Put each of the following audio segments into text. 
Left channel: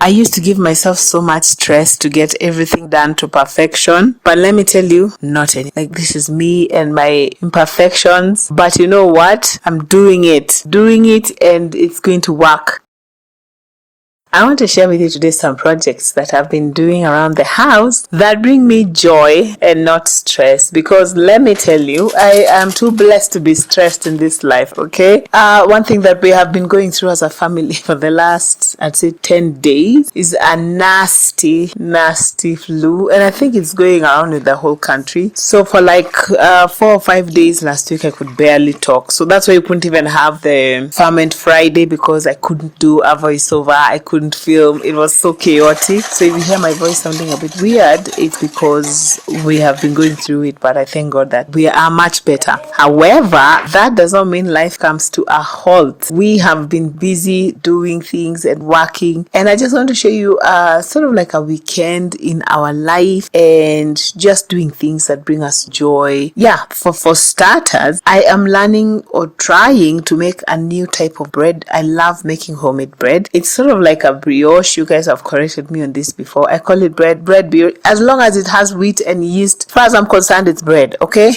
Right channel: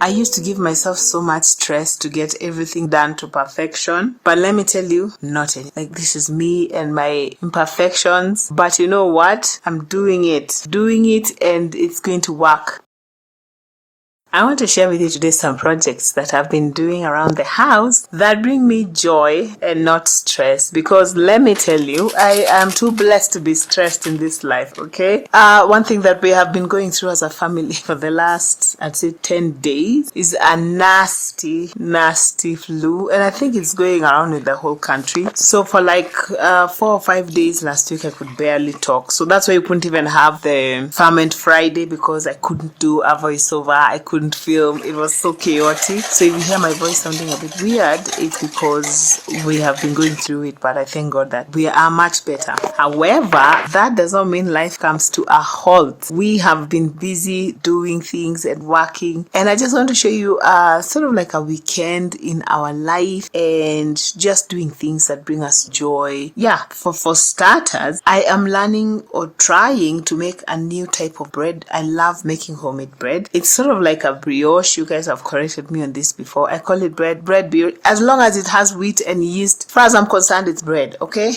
I used to give myself so much stress to get everything done to perfection, but let me tell you, not any. Like, this is me and my imperfections, but you know what? I'm doing it, and it's going to work. I want to share with you today some projects that I've been doing around the house that bring me joy and not stress, because let me tell you, I am too blessed to be stressed in this life, okay? One thing that we have been going through as a family for the last, I'd say 10 days is a nasty flu, and I think it's going around in the whole country. So for like 4 or 5 days last week, I could barely talk. So that's why we couldn't even have the Ferment Friday, because I couldn't do a voiceover, I couldn't film. It was so chaotic. So if you hear my voice sounding a bit weird, it's because we have been going through it, but I thank God that we are much better. However, that does not mean life comes to a halt. We have been busy doing things and working, and I just want to show you sort of like a weekend in our life and just doing things that bring us joy. Yeah, for starters, I am learning or trying to make a new type of bread. I love making homemade bread. It's sort of like a brioche. You guys have corrected me on this before. I call it bread brioche. As long as it has wheat and yeast, as far as I'm concerned, it's bread, okay?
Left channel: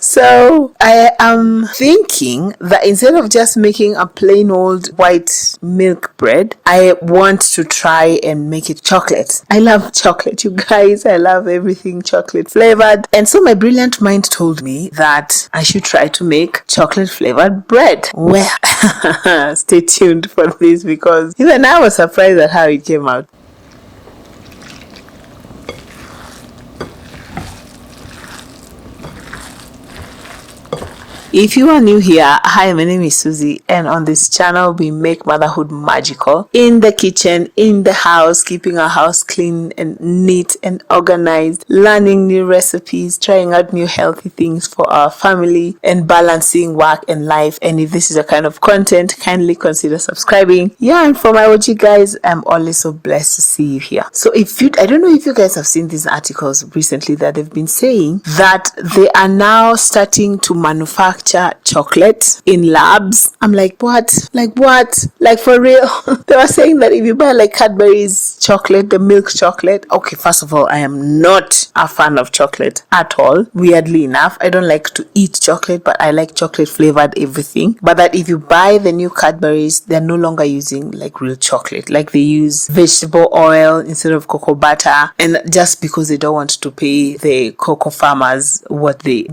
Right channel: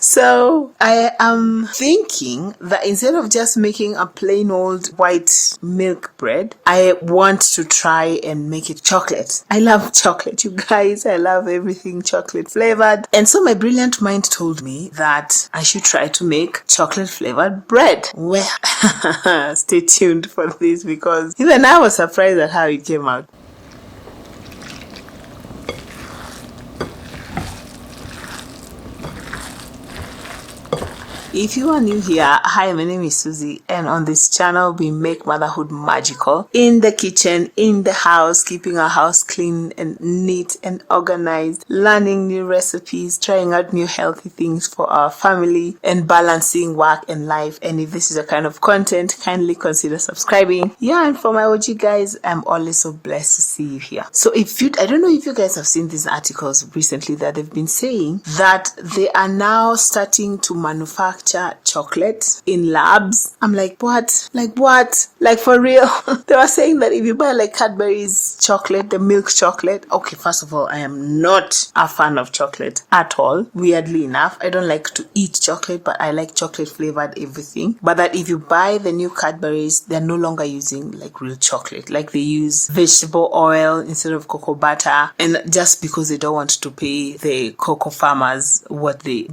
So I am thinking that instead of just making a plain old white milk bread, I want to try and make it chocolate. I love chocolate, you guys. I love everything chocolate flavored. And so my brilliant mind told me that I should try to make chocolate flavored bread. Well, stay tuned for this, because even I was surprised at how it came out. If you are new here, hi, my name is Suzy, and on this channel we make motherhood magical in the kitchen, in the house, keeping our house clean and neat and organized, learning new recipes, trying out new healthy things for our family, and balancing work and life. And if this is a kind of content, kindly consider subscribing. Yeah, and for my OG guys, I'm always so blessed to see you here. So I don't know if you guys have seen these articles recently that they've been saying that they are now starting to manufacture chocolate in labs. I'm like, what? Like for real? They were saying that if you buy like Cadbury's chocolate, the milk chocolate. Okay, first of all, I am not a fan of chocolate at all. Weirdly enough, I don't like to eat chocolate, but I like chocolate flavored everything. But that if you buy the new Cadbury's, they're no longer using like real chocolate. Like they use vegetable oil instead of cocoa butter, and just because they don't want to pay the cocoa farmers what they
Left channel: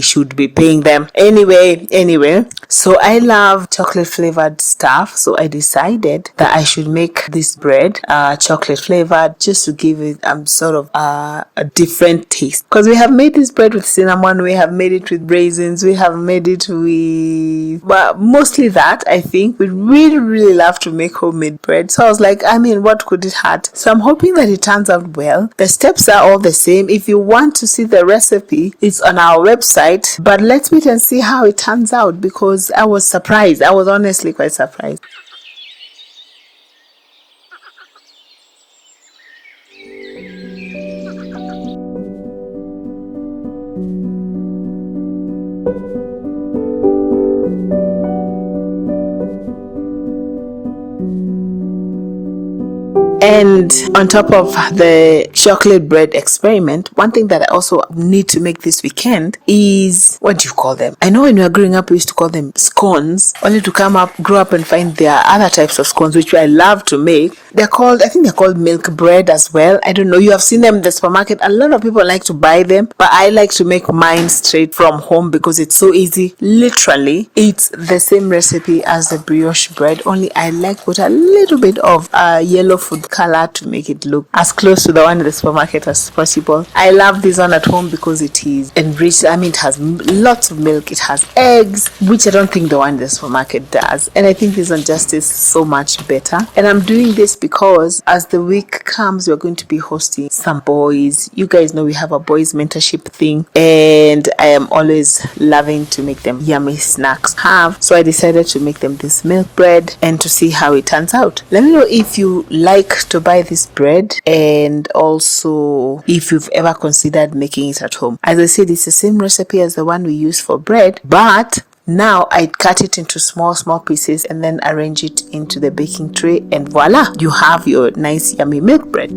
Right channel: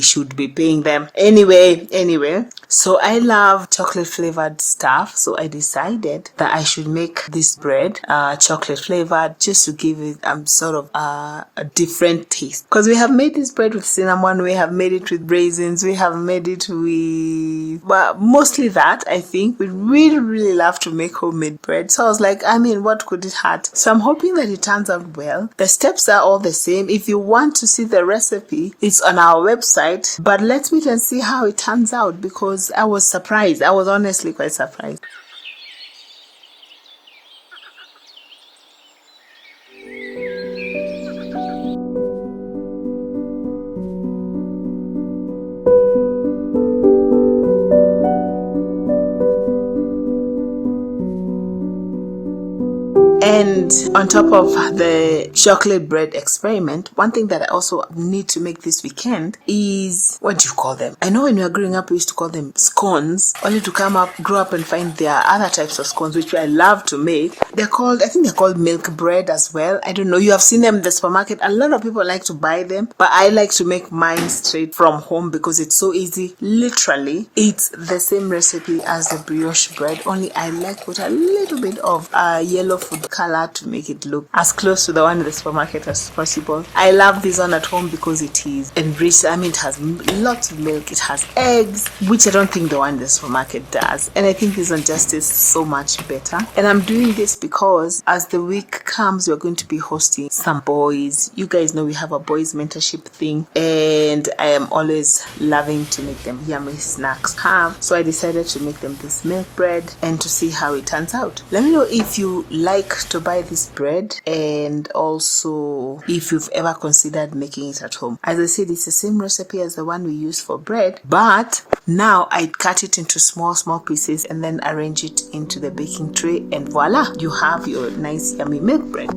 should be paying them. Anyway, so I love chocolate flavored stuff, so I decided that I should make this bread chocolate flavored, just to give it sort of a different taste, because we have made this bread with cinnamon, we have made it with raisins, we have made it with, but mostly that. I think we really love to make homemade bread, so I was like, what could it hurt? So I'm hoping that it turns out well. The steps are all the same. If you want to see the recipe, it's on our website, but let's wait and see how it turns out, because I was surprised. I was honestly quite surprised. And on top of the chocolate bread experiment, one thing that I also need to make this weekend is, what do you call them? I know when we were growing up, we used to call them scones, only to grow up and find there are other types of scones, which I love to make. I think they're called milk bread as well. I don't know. You have seen them in the supermarket. A lot of people like to buy them, but I like to make mine straight from home because it's so easy. Literally, it's the same recipe as the brioche bread, only I like put a little bit of yellow food color to make it look as close to the one in the supermarket as possible. I love this one at home because it is enriched. It has lots of milk, it has eggs, which I don't think the one in the supermarket does, and I think this one just is so much better. And I'm doing this because as the week comes, we're going to be hosting some boys. You guys know we have a boys mentorship thing, and I am always loving to make them yummy snacks so I decided to make them this milk bread and to see how it turns out. Let me know if you like to buy this bread, and also if you've ever considered making it at home. As I said, it's the same recipe as the one we use for bread, but now I cut it into small pieces and then arrange it into the baking tray, and voila, you have your nice yummy milk bread.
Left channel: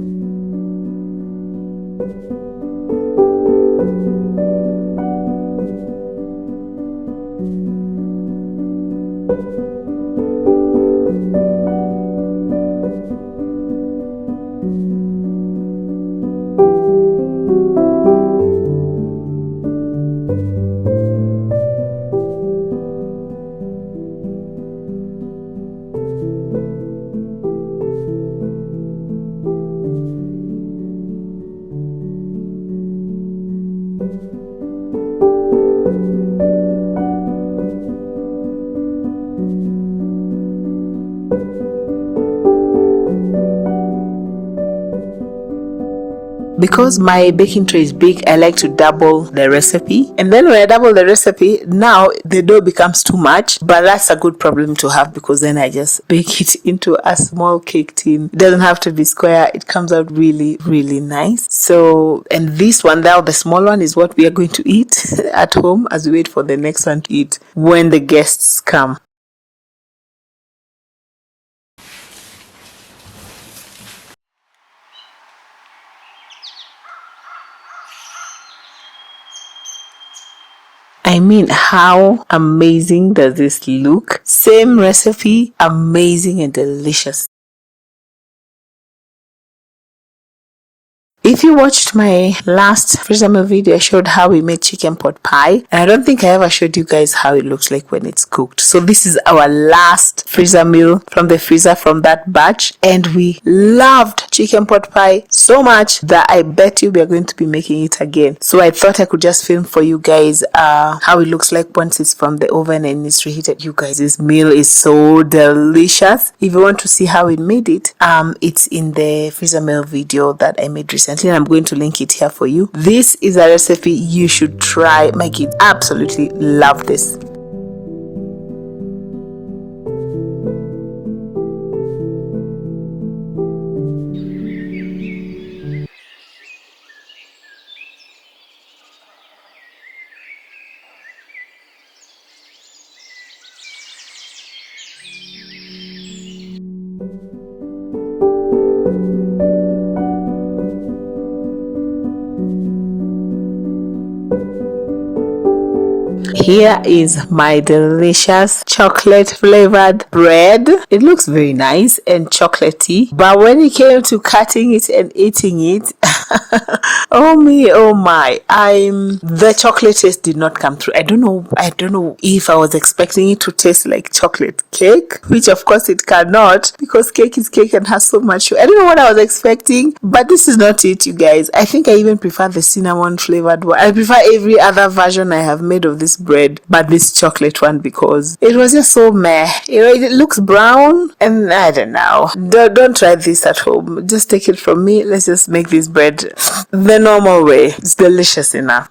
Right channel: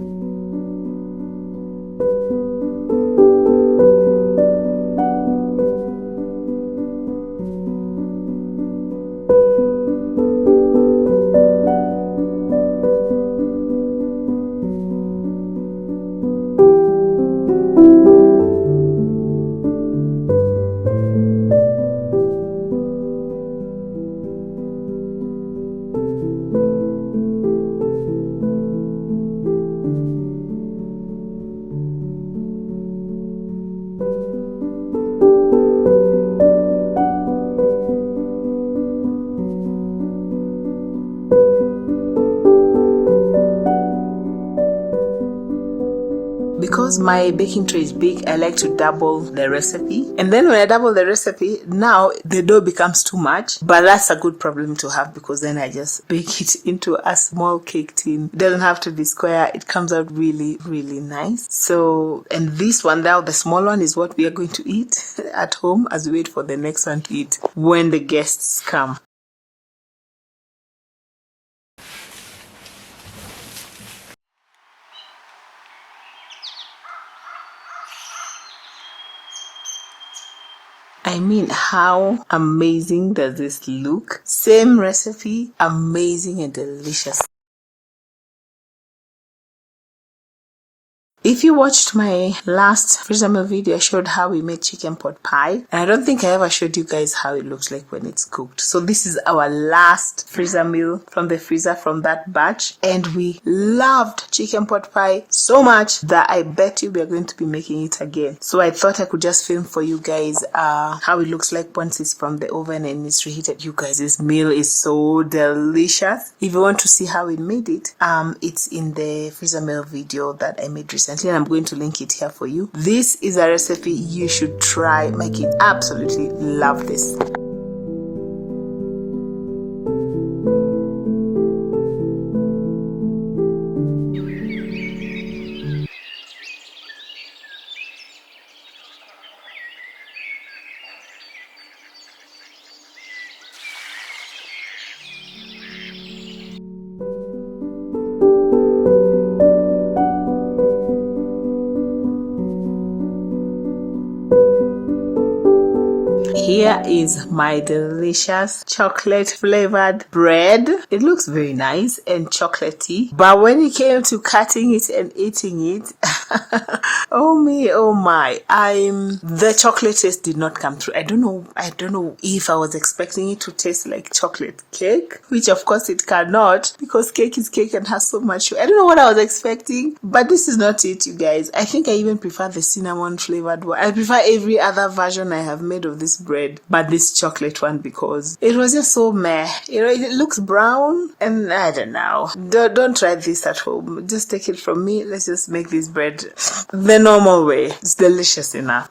Because my baking tray is big, I like to double the recipe. And then when I double the recipe, now the dough becomes too much. But that's a good problem to have, because then I just bake it into a small cake tin. It doesn't have to be square. It comes out really, really nice. So, and this one now, the small one, is what we are going to eat at home as we wait for the next one to eat when the guests come. I mean, how amazing does this look? Same recipe, amazing and delicious. If you watched my last freezer meal video, I showed how we made chicken pot pie, and I don't think I ever showed you guys how it looks like when it's cooked. So this is our last freezer meal from the freezer from that batch, and we loved chicken pot pie so much that I bet you we are going to be making it again. So I thought I could just film for you guys how it looks like once it's from the oven and it's reheated. You guys, this meal is so delicious. If you want to see how we made it, it's in the freezer meal video that I made recently. I'm going to link it here for you. This is a recipe you should try. My kids absolutely love this. Here is my delicious chocolate flavored bread. It looks very nice and chocolatey, but when it came to cutting it and eating it, oh me, oh my, the chocolate taste did not come through. I don't know if I was expecting it to taste like chocolate cake, which of course it cannot, because cake is cake and has so much sugar. I don't know what I was expecting, but this is not it, you guys. I think I even prefer the cinnamon flavored one. I prefer every other version I have made of this bread, but this chocolate one, because it was just so meh. You know, it looks brown, and I don't know. Don't try this at home. Just take it from me. Let's just make this bread the normal way. It's delicious enough.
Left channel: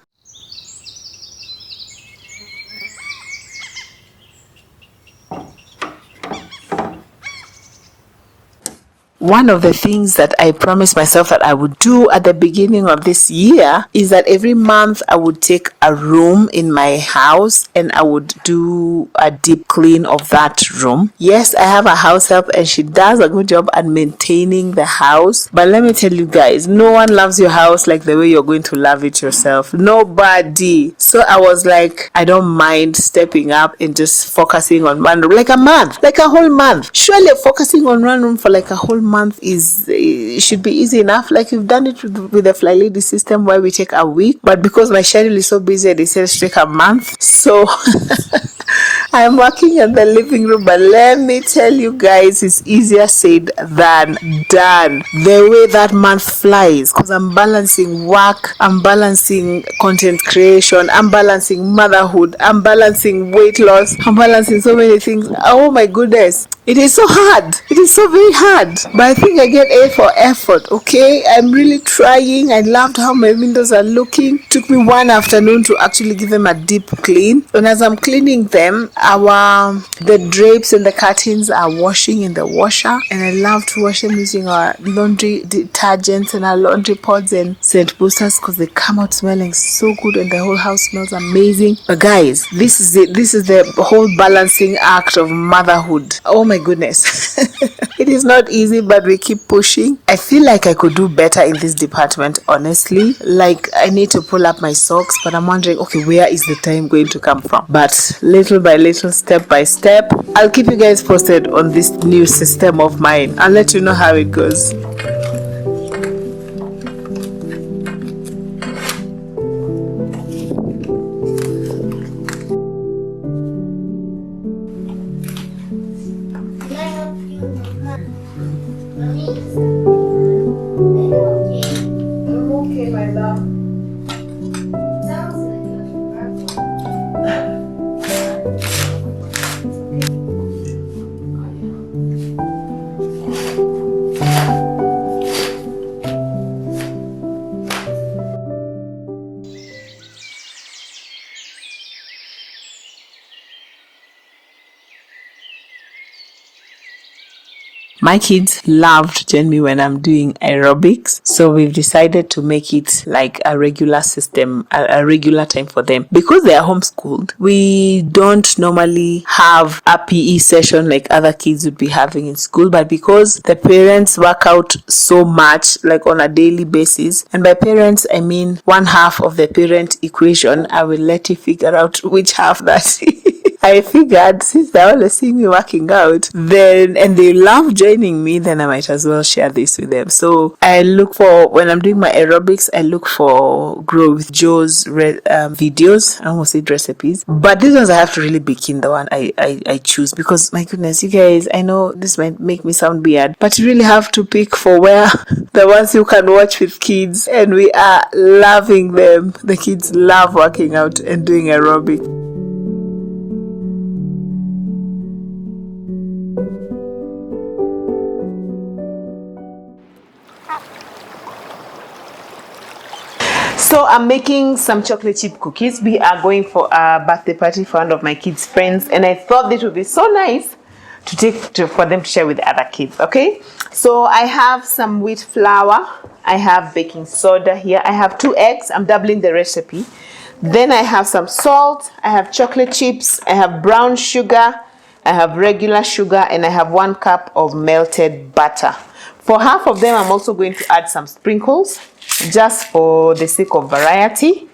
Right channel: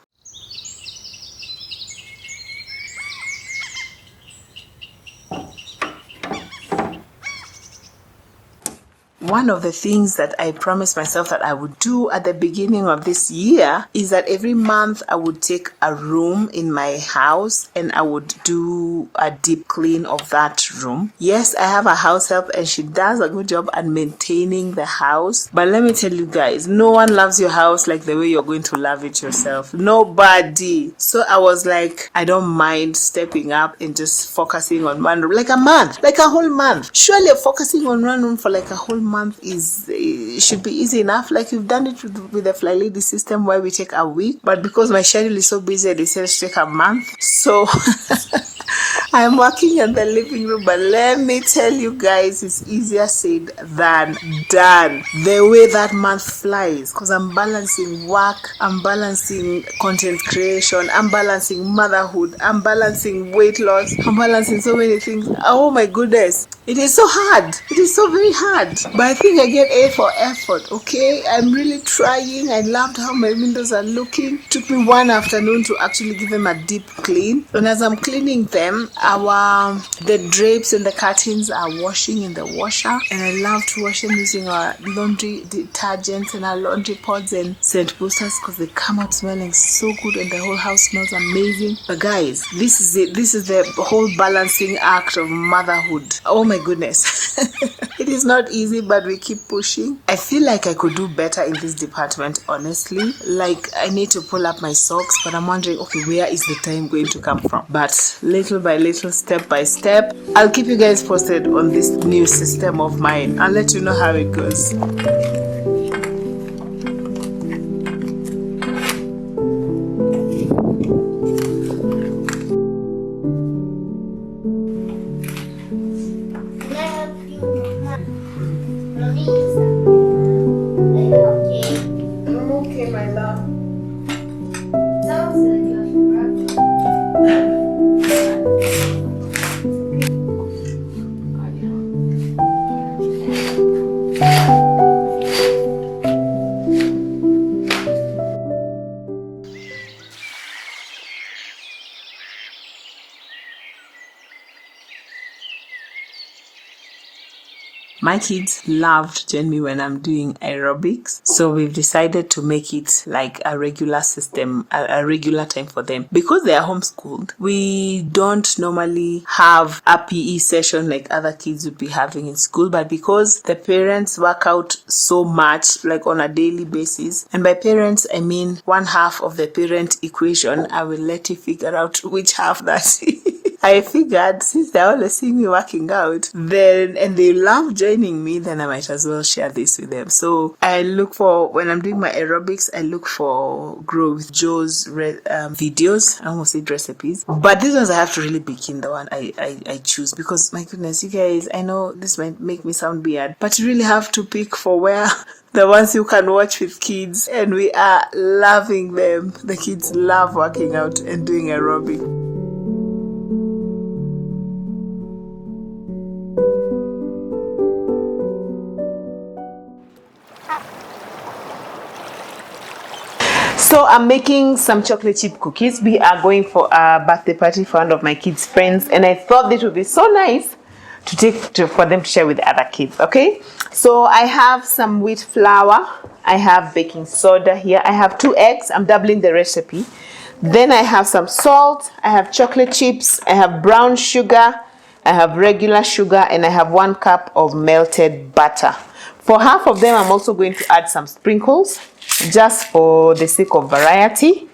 One of the things that I promised myself that I would do at the beginning of this year is that every month I would take a room in my house and I would do a deep clean of that room. Yes, I have a house help and she does a good job at maintaining the house. But let me tell you guys, no one loves your house like the way you're going to love it yourself. Nobody. So I was like, I don't mind stepping up and just focusing on one room. Like a month, like a whole month. Surely focusing on one room for like a whole month should be easy enough. Like you've done it with the Fly Lady system where we take a week, but because my schedule is so busy, they said to take a month. So I'm working in the living room, but let me tell you guys, it's easier said than done. The way that month flies, because I'm balancing work, I'm balancing content creation, I'm balancing motherhood, I'm balancing weight loss, I'm balancing so many things. Oh my goodness, it is so hard. It is so very hard. But I think I get A for effort, okay? I'm really trying. I loved how my windows are looking. It took me one afternoon to actually give them a deep clean. And as I'm cleaning them, the drapes and the curtains are washing in the washer, and I love to wash them using our laundry detergents and our laundry pods and scent boosters because they come out smelling so good and the whole house smells amazing. But guys, this is it. This is the whole balancing act of motherhood. Oh my goodness. It is not easy, but we keep pushing. I feel like I could do better in this department, honestly. Like, I need to pull up my socks, but I'm wondering, okay, where is the time going to come from? But little by little, step by step, I'll keep you guys posted on this new system of mine. I'll let you know how it goes. My kids love to join me when I'm doing aerobics, so we've decided to make it like a regular system, a regular time for them. Because they are homeschooled, we don't normally have a PE session like other kids would be having in school, but because the parents work out so much, like on a daily basis, and by parents I mean one half of the parent equation, I will let you figure out which half that is. I figured since they always see me working out, then and they love joining me, then I might as well share this with them. So I look for, when I'm doing my aerobics, I look for Grow with Joe's videos. I almost said recipes, but these ones I have to really be keen the one I choose, because my goodness, you guys, I know this might make me sound weird, but you really have to pick for where the ones you can watch with kids, and we are loving them. The kids love working out and doing aerobics. So I'm making some chocolate chip cookies. We are going for a birthday party for one of my kids' friends, and I thought it would be so nice for them to share with the other kids. Okay, so I have some wheat flour, I have baking soda here, I have 2 eggs, I'm doubling the recipe. Then I have some salt, I have chocolate chips, I have brown sugar, I have regular sugar, and I have 1 cup of melted butter. For half of them, I'm also going to add some sprinkles, just for the sake of variety.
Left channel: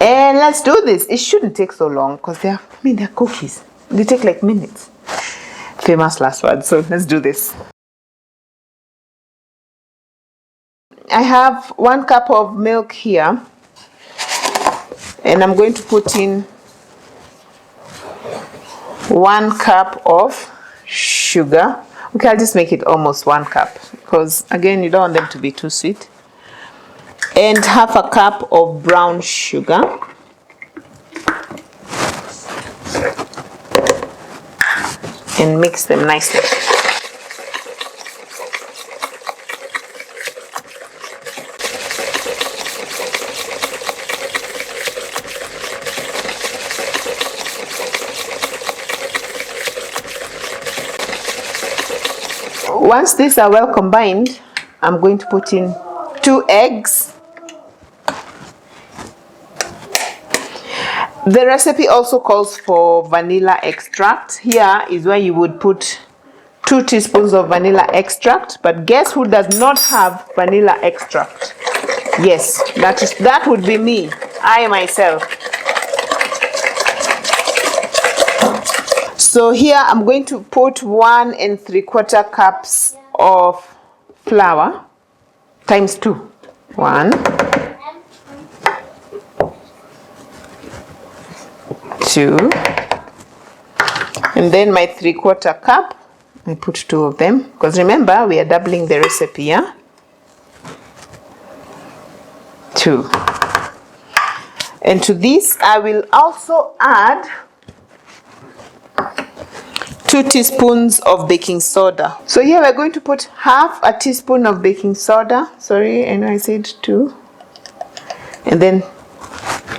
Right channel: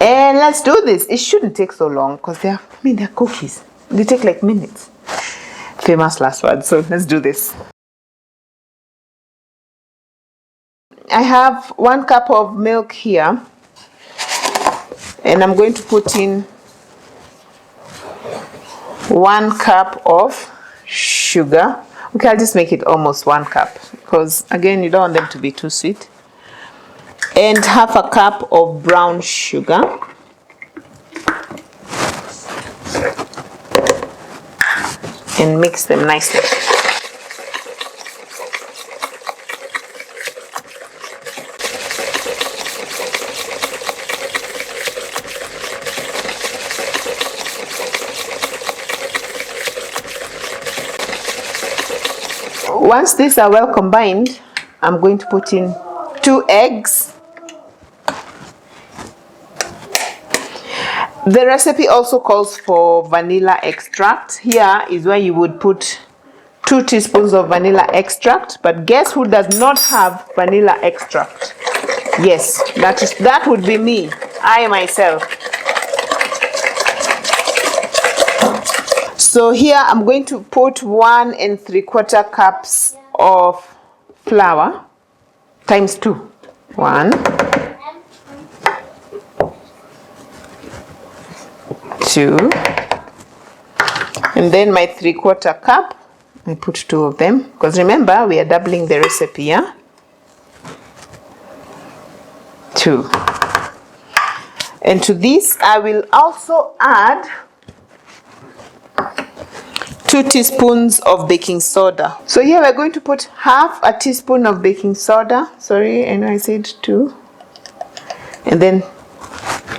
And let's do this. It shouldn't take so long because they're cookies. They take like minutes. Famous last word. So let's do this. I have 1 cup of milk here, and I'm going to put in 1 cup of sugar. Okay, I'll just make it almost 1 cup because again, you don't want them to be too sweet. And half a cup of brown sugar. And mix them nicely. Once these are well combined, I'm going to put in 2 eggs. The recipe also calls for vanilla extract. Here is where you would put 2 teaspoons of vanilla extract, but guess who does not have vanilla extract? Yes, that would be me, I myself. So here I'm going to put 1 3/4 cups of flour times 2. 1, 2, and then my 3/4 cup, I put 2 of them because remember we are doubling the recipe, yeah? 2. And to this I will also add 2 teaspoons of baking soda. So here we're going to put half a teaspoon of baking soda. Sorry, and I said 2. And then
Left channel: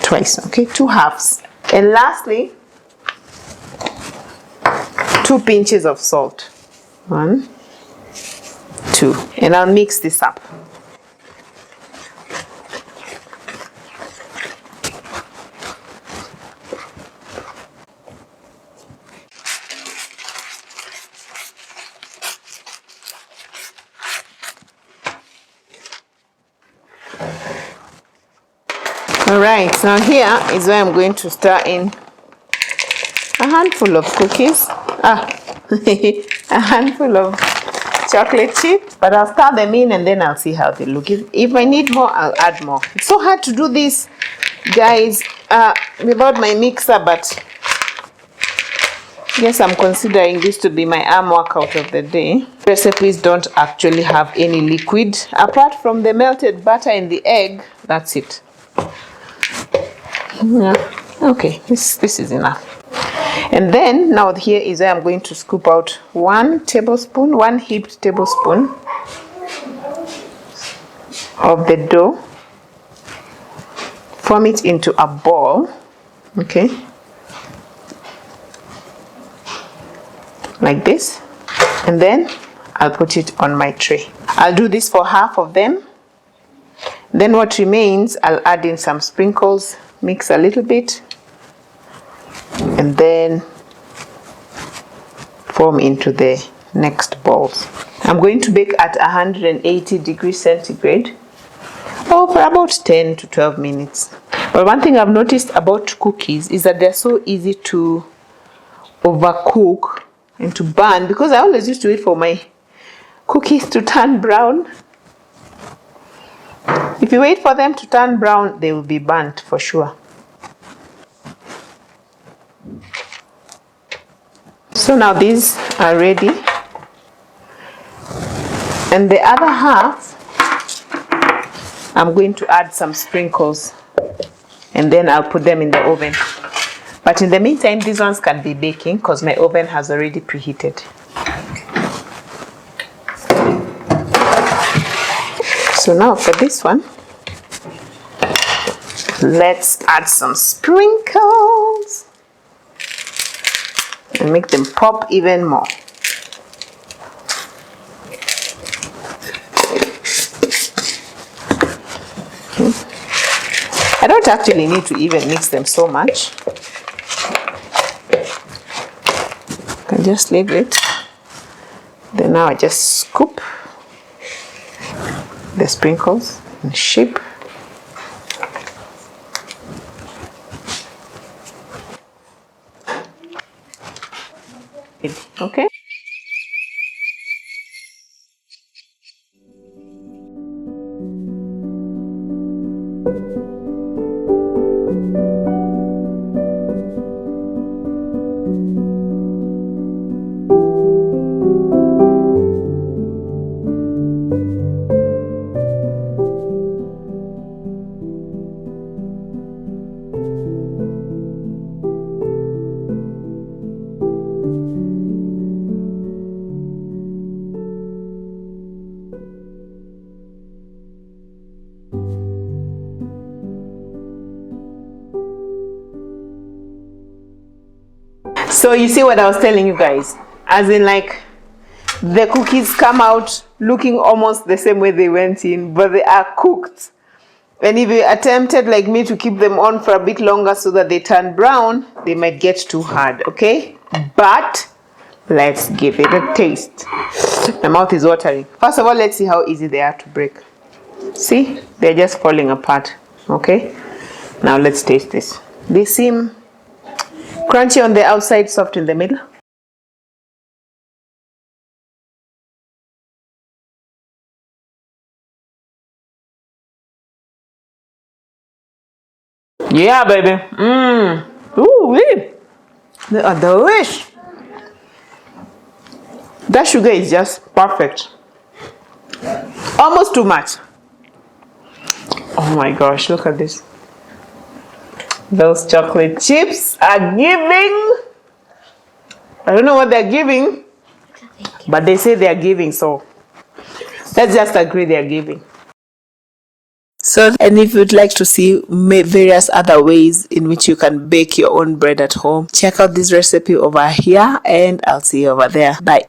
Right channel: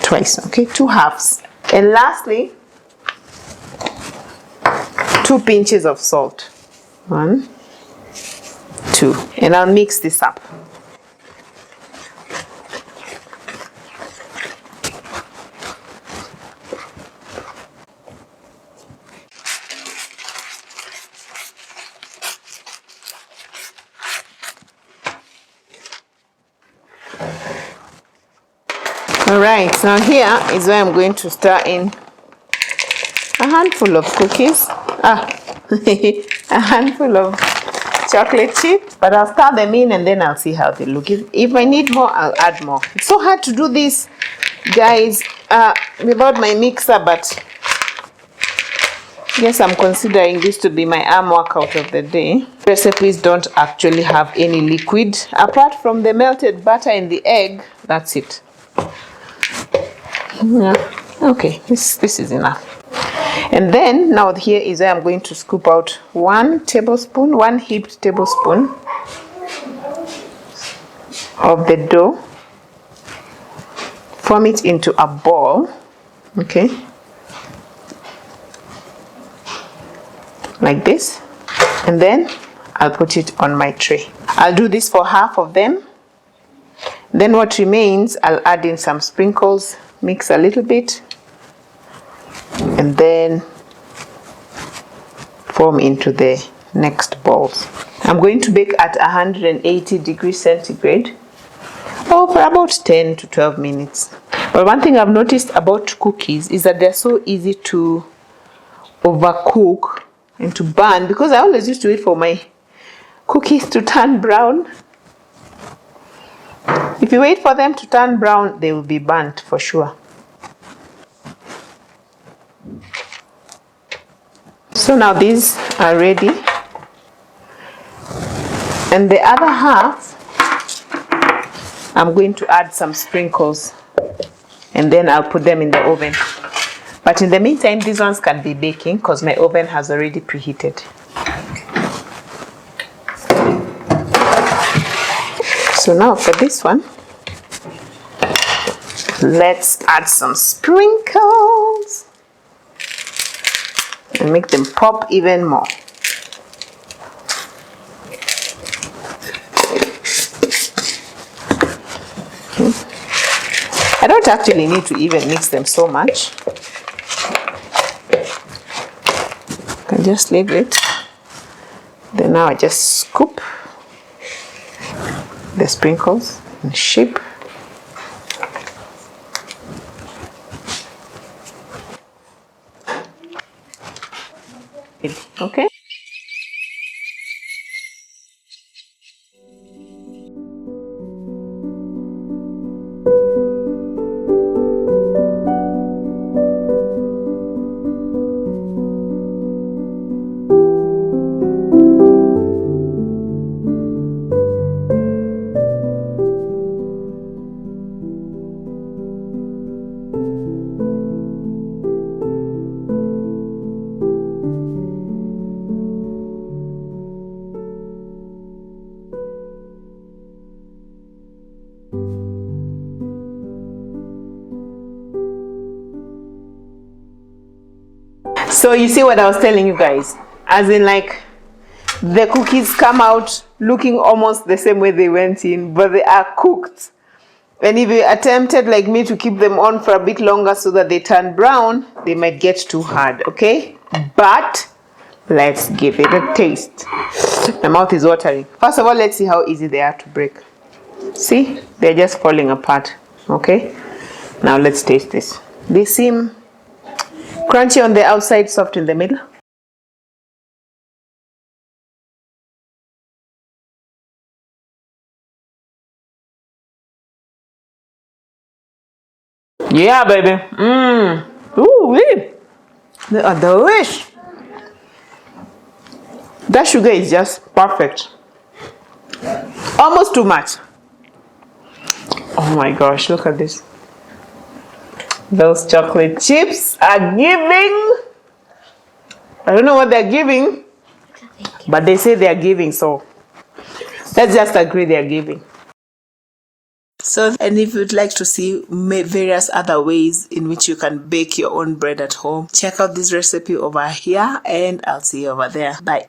twice, okay? 2 halves. And lastly, 2 pinches of salt. 1, 2. And I'll mix this up. Alright, now here is where I'm going to stir in a handful of cookies. A handful of chocolate chips. But I'll stir them in and then I'll see how they look. If I need more, I'll add more. It's so hard to do this, guys, without my mixer, but yes, I'm considering this to be my arm workout of the day. Recipes don't actually have any liquid. Apart from the melted butter and the egg, that's it. Yeah, okay, this is enough. And then now here is where I'm going to scoop out 1 heaped tablespoon of the dough, form it into a ball, okay, like this, and then I'll put it on my tray. I'll do this for half of them. Then what remains, I'll add in some sprinkles, mix a little bit, and then form into the next balls. I'm going to bake at 180 degrees centigrade for about 10 to 12 minutes. But one thing I've noticed about cookies is that they're so easy to overcook and to burn, because I always used to wait for my cookies to turn brown. If you wait for them to turn brown, they will be burnt for sure. So now these are ready. And the other half, I'm going to add some sprinkles. And then I'll put them in the oven. But in the meantime, these ones can be baking because my oven has already preheated. So now for this one, let's add some sprinkles and make them pop even more. Okay. I don't actually need to even mix them so much. I can just leave it. Then now I just scoop the sprinkles and shape. Okay. So you see what I was telling you guys, as in like the cookies come out looking almost the same way they went in, but they are cooked. And if you attempted like me to keep them on for a bit longer so that they turn brown, they might get too hard, okay? But let's give it a taste. My mouth is watering. First of all, let's see how easy they are to break. See, they're just falling apart, okay? Now let's taste this. They seem crunchy on the outside, soft in the middle. Yeah, baby. Ooh, they are delicious. That sugar is just perfect. Almost too much. Oh my gosh, look at this. Those chocolate chips are giving. I don't know what they're giving, but they say they're giving, so let's just agree they're giving. So, and if you'd like to see various other ways in which you can bake your own bread at home, check out this recipe over here, and I'll see you over there. Bye.